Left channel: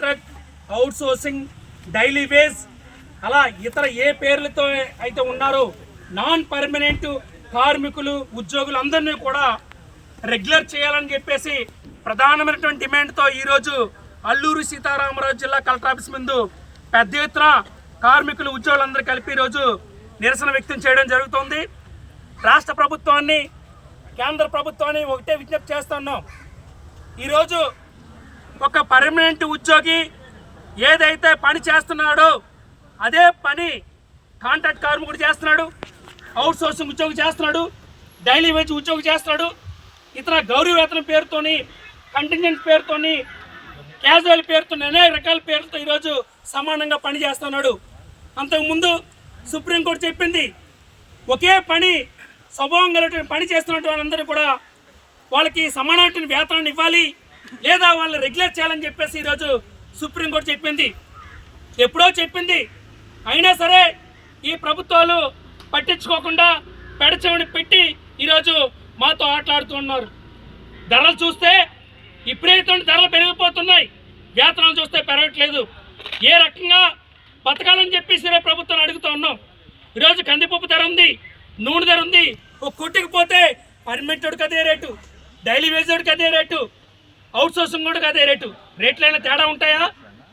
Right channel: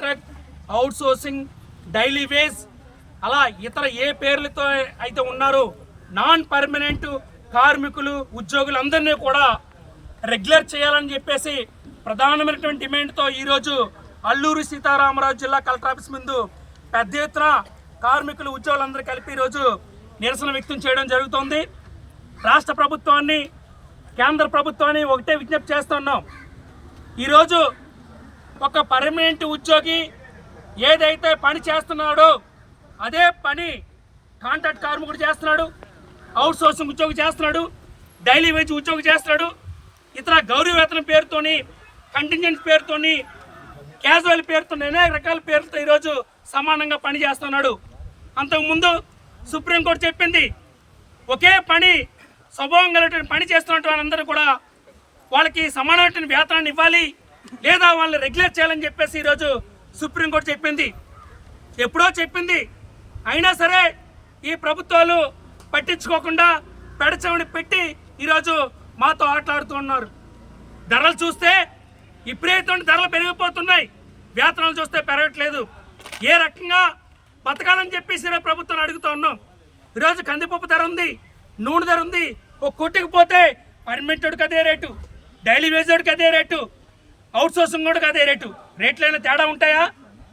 Contract outsourcing daily wage అలా ఇతర ఏ పేర్లతో అయితే ఉన్నారో నాన్ పర్మనెంట్ కార్మికులు ఉద్యోగులు అందరినీ కూడా రెగ్యులర్ చేయాలని చెప్పేసి ప్రధానమైనటువంటి డిమాండ్తో ఈరోజు అల్లూరు సీతారామరాజు జిల్లా కలెక్టర్ ఆఫీస్ ముందు పెద్ద ఎత్తున కార్మికులు ఉద్యోగులందరూ కలిపి ఈరోజు నిరసన వ్యక్తం చేయడం జరుగుతోంది. రాష్ట్ర ప్రభుత్వాన్ని కేంద్ర ప్రభుత్వాన్ని ఒకటే విజ్ఞప్తి చేస్తున్నాం. ఈరోజు ఒక పర్మనెంట్ ఉద్యోగి ఏదైతే పని చేస్తున్నాడో అదే పని కాంట్రాక్ట్ కార్మికుడు చేస్తున్నాడు అవుట్ సోర్సింగ్ ఉద్యోగి చేస్తున్నాడు డైలీ వేజ్ ఉద్యోగి చేస్తున్నాడు ఇతర గౌరవ వేతనం పేరుతోని కంటింజెంట్ పేరుతోని క్యాజువల్ పేరుతో అనేక రకాల పేర్లతో ఈరోజు సమానంగా పని చేస్తున్నాడు. అంతకుముందు సుప్రీంకోర్టు చెప్పింది ఒకే పని స్వభావం కలిగిన పని చేస్తున్నటువంటి అందరూ కూడా వాళ్ళకి సమానమైన వేతనాన్ని ఇవ్వాలి. లేదా వాళ్ళని రెగ్యులేట్ చేయాలని చెప్పేసి ఈరోజు సుప్రీంకోర్టు చెప్పింది. ఎప్పుడో చెప్పింది. అయినా సరే ఈ ప్రభుత్వాలు పట్టించుకోకుండా పెడచవని పెట్టి ఈరోజు మాతో ఆటలాడుతున్నారు ధరలు చూస్తే ఇప్పుడైతే ధరలు పెరిగిపోతున్నాయి. వేతనాలు చూస్తే పెరగట్లేదు. ఏ రకంగా బతకాలని చెప్పేసి ప్రభుత్వం అడుగుతూ ఉన్నాం. ఈరోజు కందిపప్పు ధర ఉంది నూనె ధర ఉంది. ఒక కొట్టుకుపోతే పర్మిటెడ్కి అదే రేటు డైలీ వేజెడ్కి అదే రేటు. అవుట్ సోర్సింగ్ కూడా అదే రేటు. రేట్లైనా తేడా ఉంటాయా?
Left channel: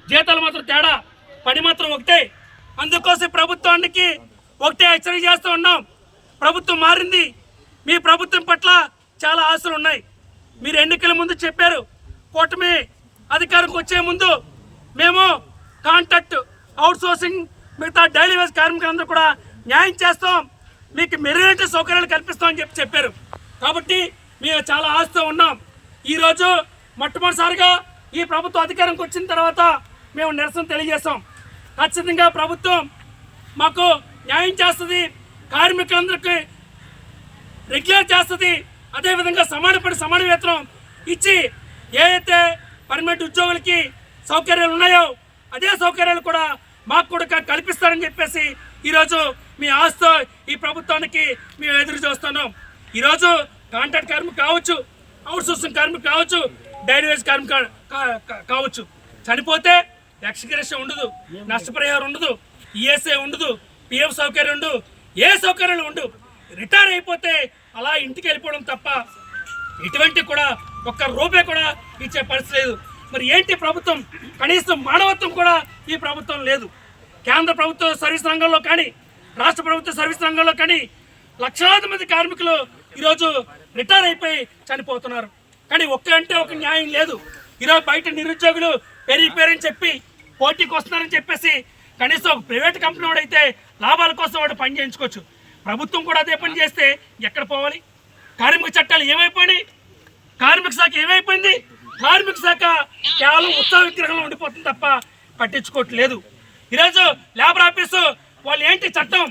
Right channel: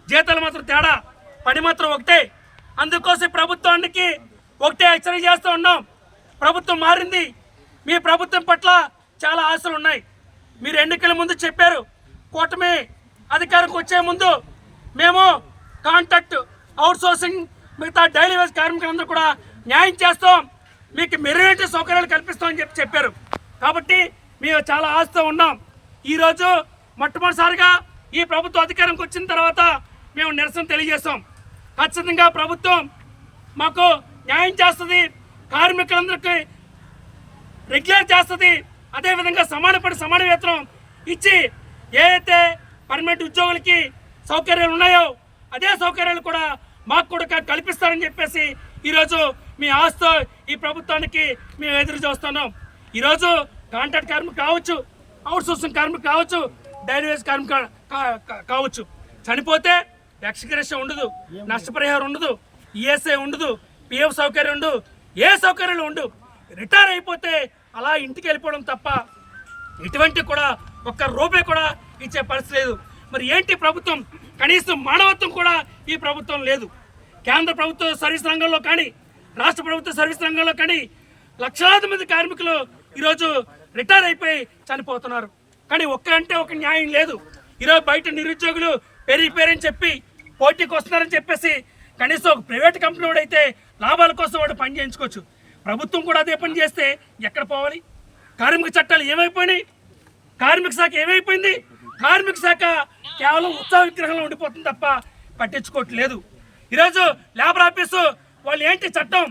జీతాలు మాత్రం తేడా. పని మాత్రం ఒకటే. అందుకోసం ప్రభుత్వానికి ఒకటే హెచ్చరిక చేస్తూ ఉన్నాం. ప్రభుత్వం మారింది. మీ ప్రభుత్వం పట్ల చాలా ఆశలు ఉన్నాయి. మీరు ఎన్నికల ముందు చెప్పారు. కూటమి అధికారంకి వచ్చే ముందు మేము కాంట్రాక్ట్ అవుట్ సోర్సింగ్ మిగతా డైలీ వేజ్ కార్మికులందరూ కూడా న్యాయం చేస్తాం. మీకు మెరుగైన సౌకర్యాలు కల్పిస్తామని చెప్పి చెప్పారు. కాబట్టి మేము చాలా ఆశతో ఉన్నాం. ఈరోజు మొట్టమొదటిసారిగా ఈ ప్రభుత్వం అధికారంకి వచ్చిన తర్వాత మేము నిరసన తెలియజేస్తాం. ఖచ్చితంగా ప్రభుత్వం మాకు న్యాయం చేస్తుంది కార్మికులందరికీ రెగ్యులర్ చేస్తుంది అదేవిధంగా సమానపడి సమాన వేతనం ఇచ్చి ఏదైతే పర్మనెంట్ ఉద్యోగులకి సౌకర్యాలు ఉన్నాయో అదే సౌకర్యాలు కూడా మాకు కూడా కల్పిస్తారని చెప్పేసి ఈరోజు మీ ఆస్తో ఈ ప్రభుత్వానికి మేము ఎదురు చూస్తున్నాం. ఈరోజు కాంట్రాక్ట్ కార్మికు కావచ్చు అవుట్సోర్సింగ్ సోర్సింగ్ కావచ్చు కా- కావచ్చు. చనిపోతే ఎక్స్గ్రేషన్ ఉండదు నష్టపరిహారం ఉండదు ఈఎస్ఐ ఉండదు పిఎఫ్ సౌకర్యం ఉండదు ఏ సౌకర్యాలు ఉండవు రిటైర్ అయిపోతే అలా ఇంటికి వెళ్ళిపోవడం తప్ప ఇటువంటి కూడా ఒక్క రూపాయి కూడా ఇచ్చే పరిస్థితి లేదు. మరి ఏంటి ప్రభుత్వం? కనీసం మానవత్వం కూడా ఈ ప్రభుత్వం లేదు. కేంద్ర ప్రభుత్వ సర్వీస్ రంగంలో కానీ రాష్ట్ర ప్రభుత్వ సర్వీస్ రంగంలో కానీ లక్షలాది మంది కార్మికులు ఈరోజు రిటైర్ అయిపోయి చనిపోతున్నారు. కానీ ఒక్కంటే ఒక న్యాయం లేదు. ఈరోజు బయట నిరుద్యోగులు పెరిగి పేరని చెప్పి పోటీకి వస్తున్నారని చెప్పేసి కనీసం ఒక ప్రైవేట్ కంపెనీ వాడైతే లాభాల కోసం వాడు పని చేయించుకోవచ్చు. ప్రభుత్వం కూడా అదే పని చేస్తే ఎక్కడ పోవాలి? కార్మిక చట్టాలు ఏమైపోయినాయి? కార్మిక శాఖ ఏమైపోయింది? కార్మిక శాఖ కేవలం ఉత్సాహ విగ్రహంలో ఉండిపోతుంది తప్ప పట్టించుకోవట్లేదు. ఈరోజు లేబర్ ఆఫీసు వాళ్ళు ఏంటి చట్టం?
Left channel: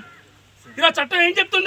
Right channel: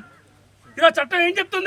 ఈరోజు చట్టం ఏం చెప్తుంది?